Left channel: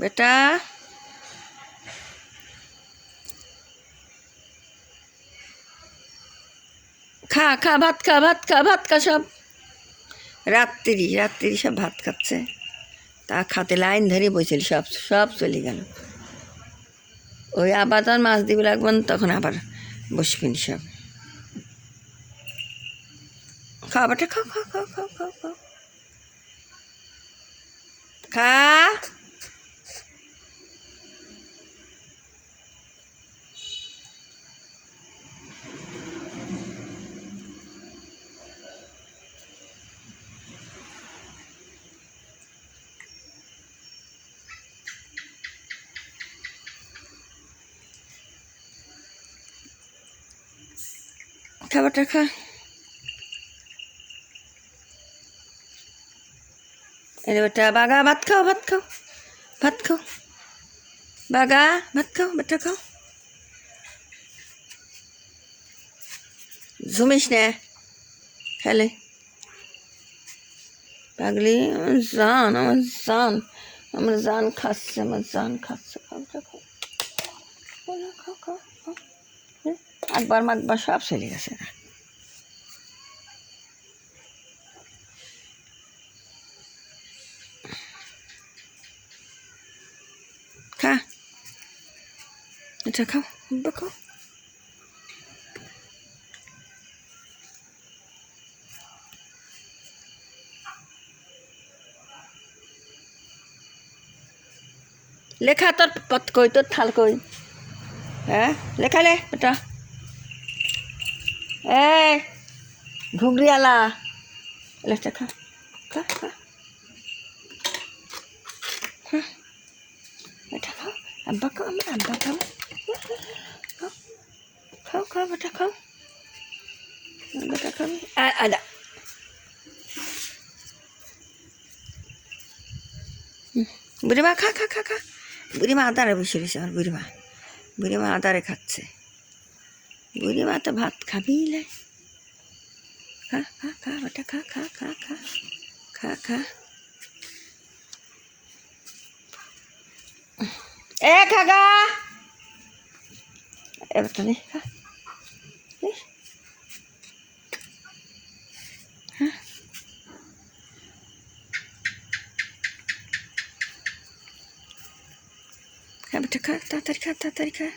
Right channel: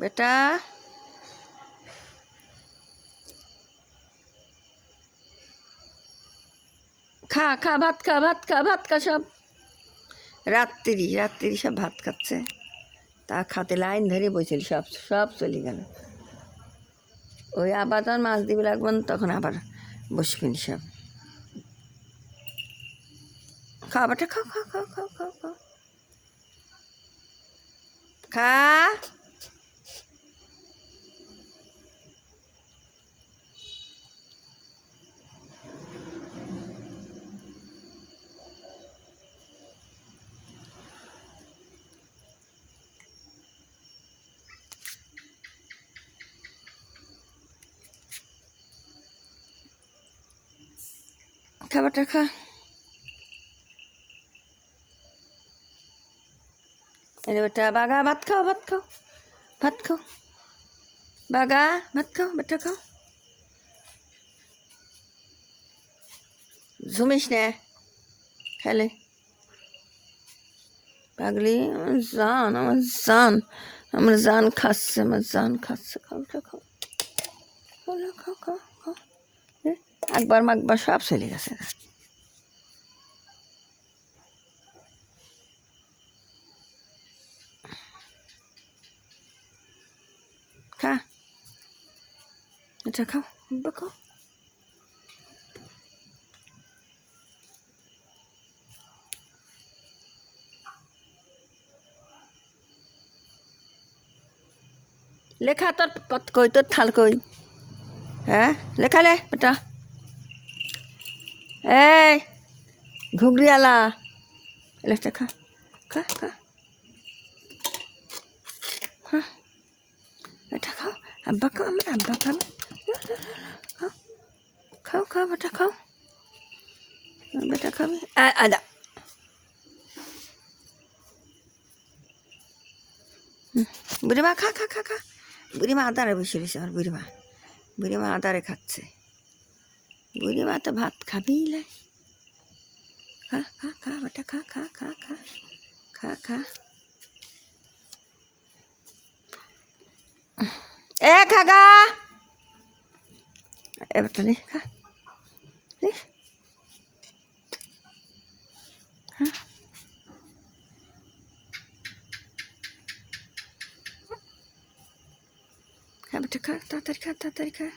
বেটা খা খা ভাত খা ভাত খা ভাত খা সব রাত্রি সব ভাত খাচ্ছে তা খাতে লাইন ধরে বসেছিল সব সব চলে গেল ওই আবার তার মাছ দিবে লাগবেন তখন আবার বসবেন সব খাবারটা খাও খাও খাও খাও খাও খাও খা খাবারটা খা এরে বেটা বাগা ভাত খাও ভাত খাও ভাত খাও বাগা ভাত খাও বেটা খাও ঝুমিস নে খেলে পাগলি আমার জান খাচ্ছে খাওটা খাও খাও খাও খাও একবার মাকবার সব চলে গেছে খা এটা খাও খাও লেখা তোর পথ কই তোর থাল কই হ্যাঁ লেখা লে বেটা এই ঘুগরিয়ালা লেখা খা খা খা হ্যাঁ বেটা খাও আব্বা খাও আমার আব্বা খাও খাও খাও বেটা খাও বেটা খাও আদা বুড়িমা খা খা খা খা বুড়িমা আদারে বসে রয়েছে আমার বুড়িমা আদারে খাচ্ছে বুড়িমা তো ভাত খাবি লে খা খা খা বেটা খা খা খা খা খা খা এ খাগা এবার তো নেই খা খা বেটা খা তাড়াতাড়ি খা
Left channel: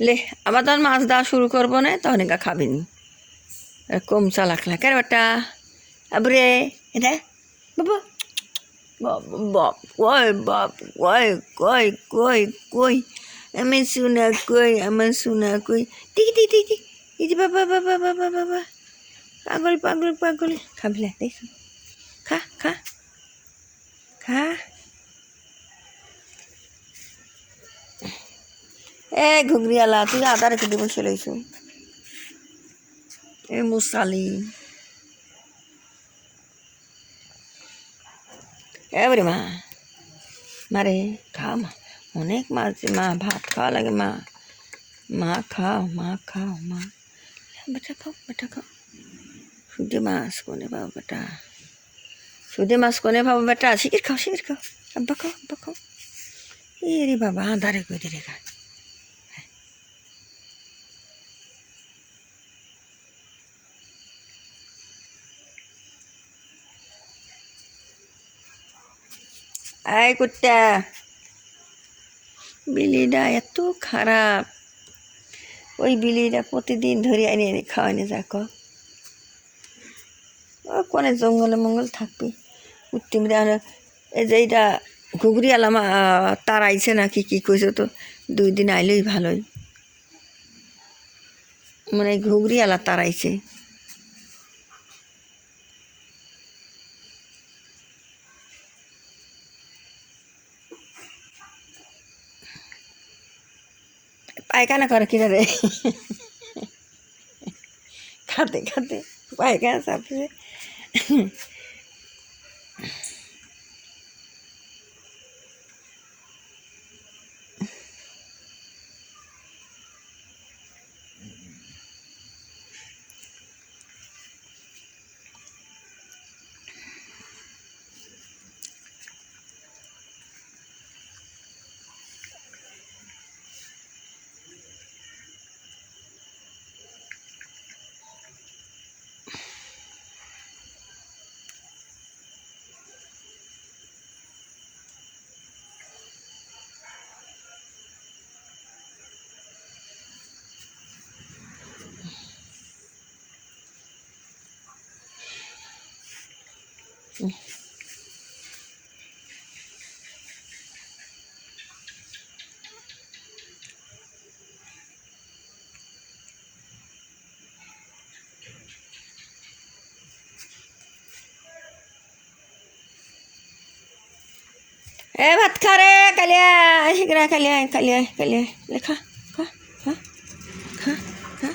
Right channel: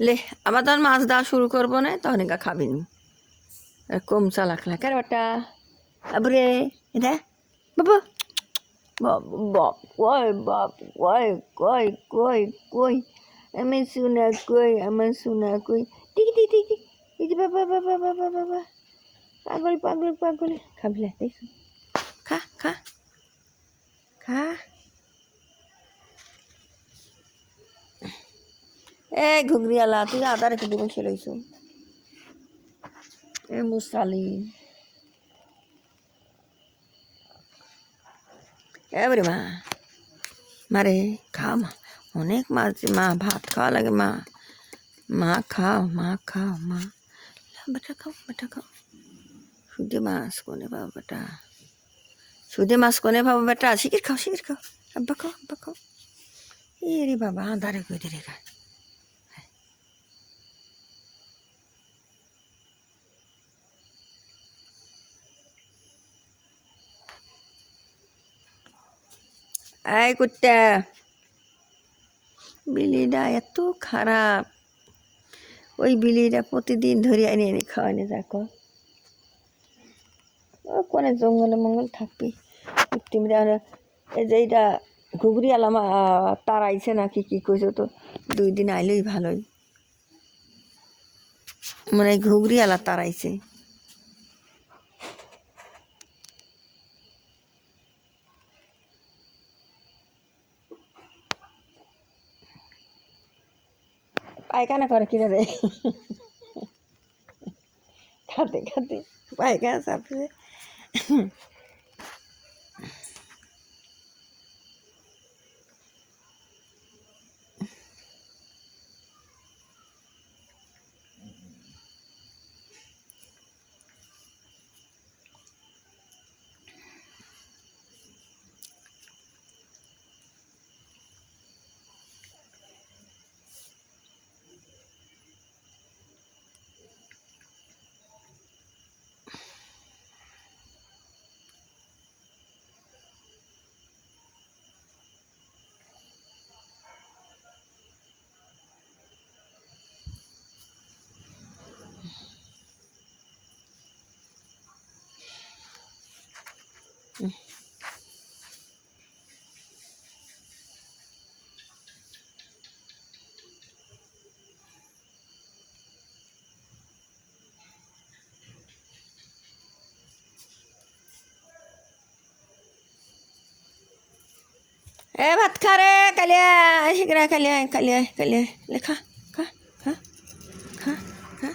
লে আবার তখন মাছ দেওয়া শুরু করবো না তখন একা খাবিনি কম চালাক লাগে বেটা আবরে এটা বাবা বাপ কই আমি শোনা কই আমার শোনা কই টিকি এই যে বাবা পাগল খাবলে দেখো খা খা খা এ ঘুগরিয়ালা তুই আদা রেখে দিয়ে বসে রয়েছো এ মুসালি এবারে মারে খাও মা অনেক মাছ মা ভাত খাওয়া লাগে মা খাও মা বেটা খাও সুদে মাছ কোনে বাবা বেটা শিখির খাও আব্বা খাও এ রে বাবা আদারে কই দে রেখা এই কুত্তা বিলিটা এত খারাপ ওই বিলিটা প্রতিদিন ধরে এনে খাওয়ানি যাকো কোনে জঙ্গলে মঙ্গল থাকবে তুমি এই যে এইটা ঘুগরি আলাম তারাইছে নাকি কি কইছে তো 2 দিন আইলেই ভালোই মানে ঘুগরি আলা তারাইছে পায়খানা করে কিনা রে খাতে খাতে পায়খানা চাপছে ভাত খা রে কালিয়া শিগরা কালিয়া কালিয়া কালিয়া লেখা খা খা খা খা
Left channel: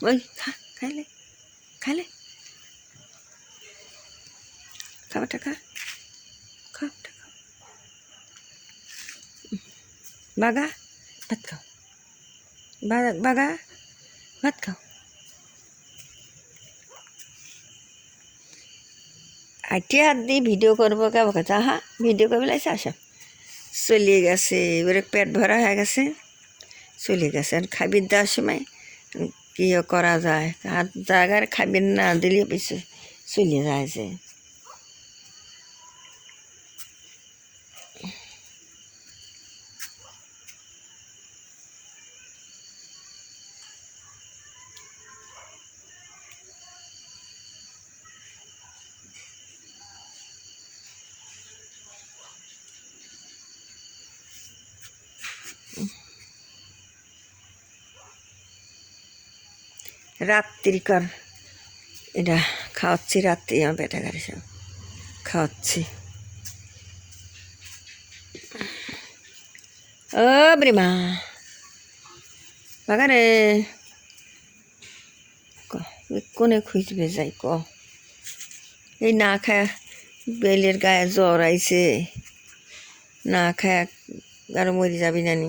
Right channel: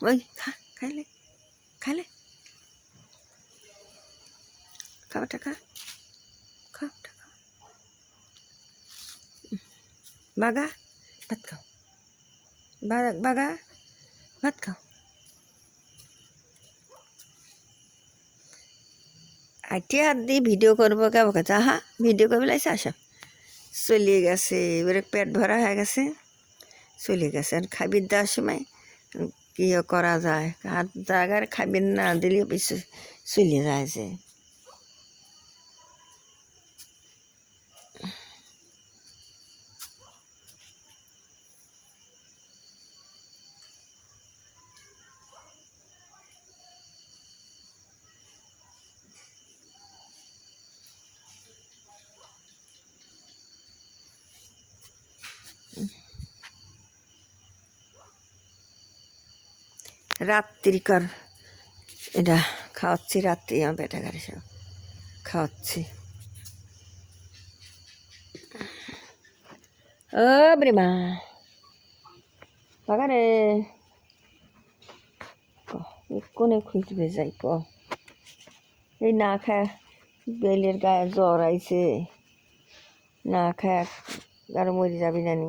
ওই খা খাইলে খাইলে খাবারটা খা খাবারটা খা বাগা ভাত খাও বাগা ভাত খাও আইটিয়া হাত দিয়ে ভিডিও করবো কেমন কথা হ্যাঁ ভিডিও করবে লাগছে আসা চলিয়ে গেছে এবারে পেট ভরা হয়ে গেছে চলে গেছে আর খাবির দেওয়ার সময় কী করা যায় হাত জায়গার খাবির না দিলে পিছু চলে যায় যে রাত্রিকার এটা খাওয়াচ্ছি রাত্রি আমার পেটে গাড়ি সব খাওয়াচ্ছি ও ব্রিমা বাগারে কোনে খুঁজবে যাই ক এই না খায় বেলের গায়ে জ্বর আইছে না খায় আরো মরে যাবি জানি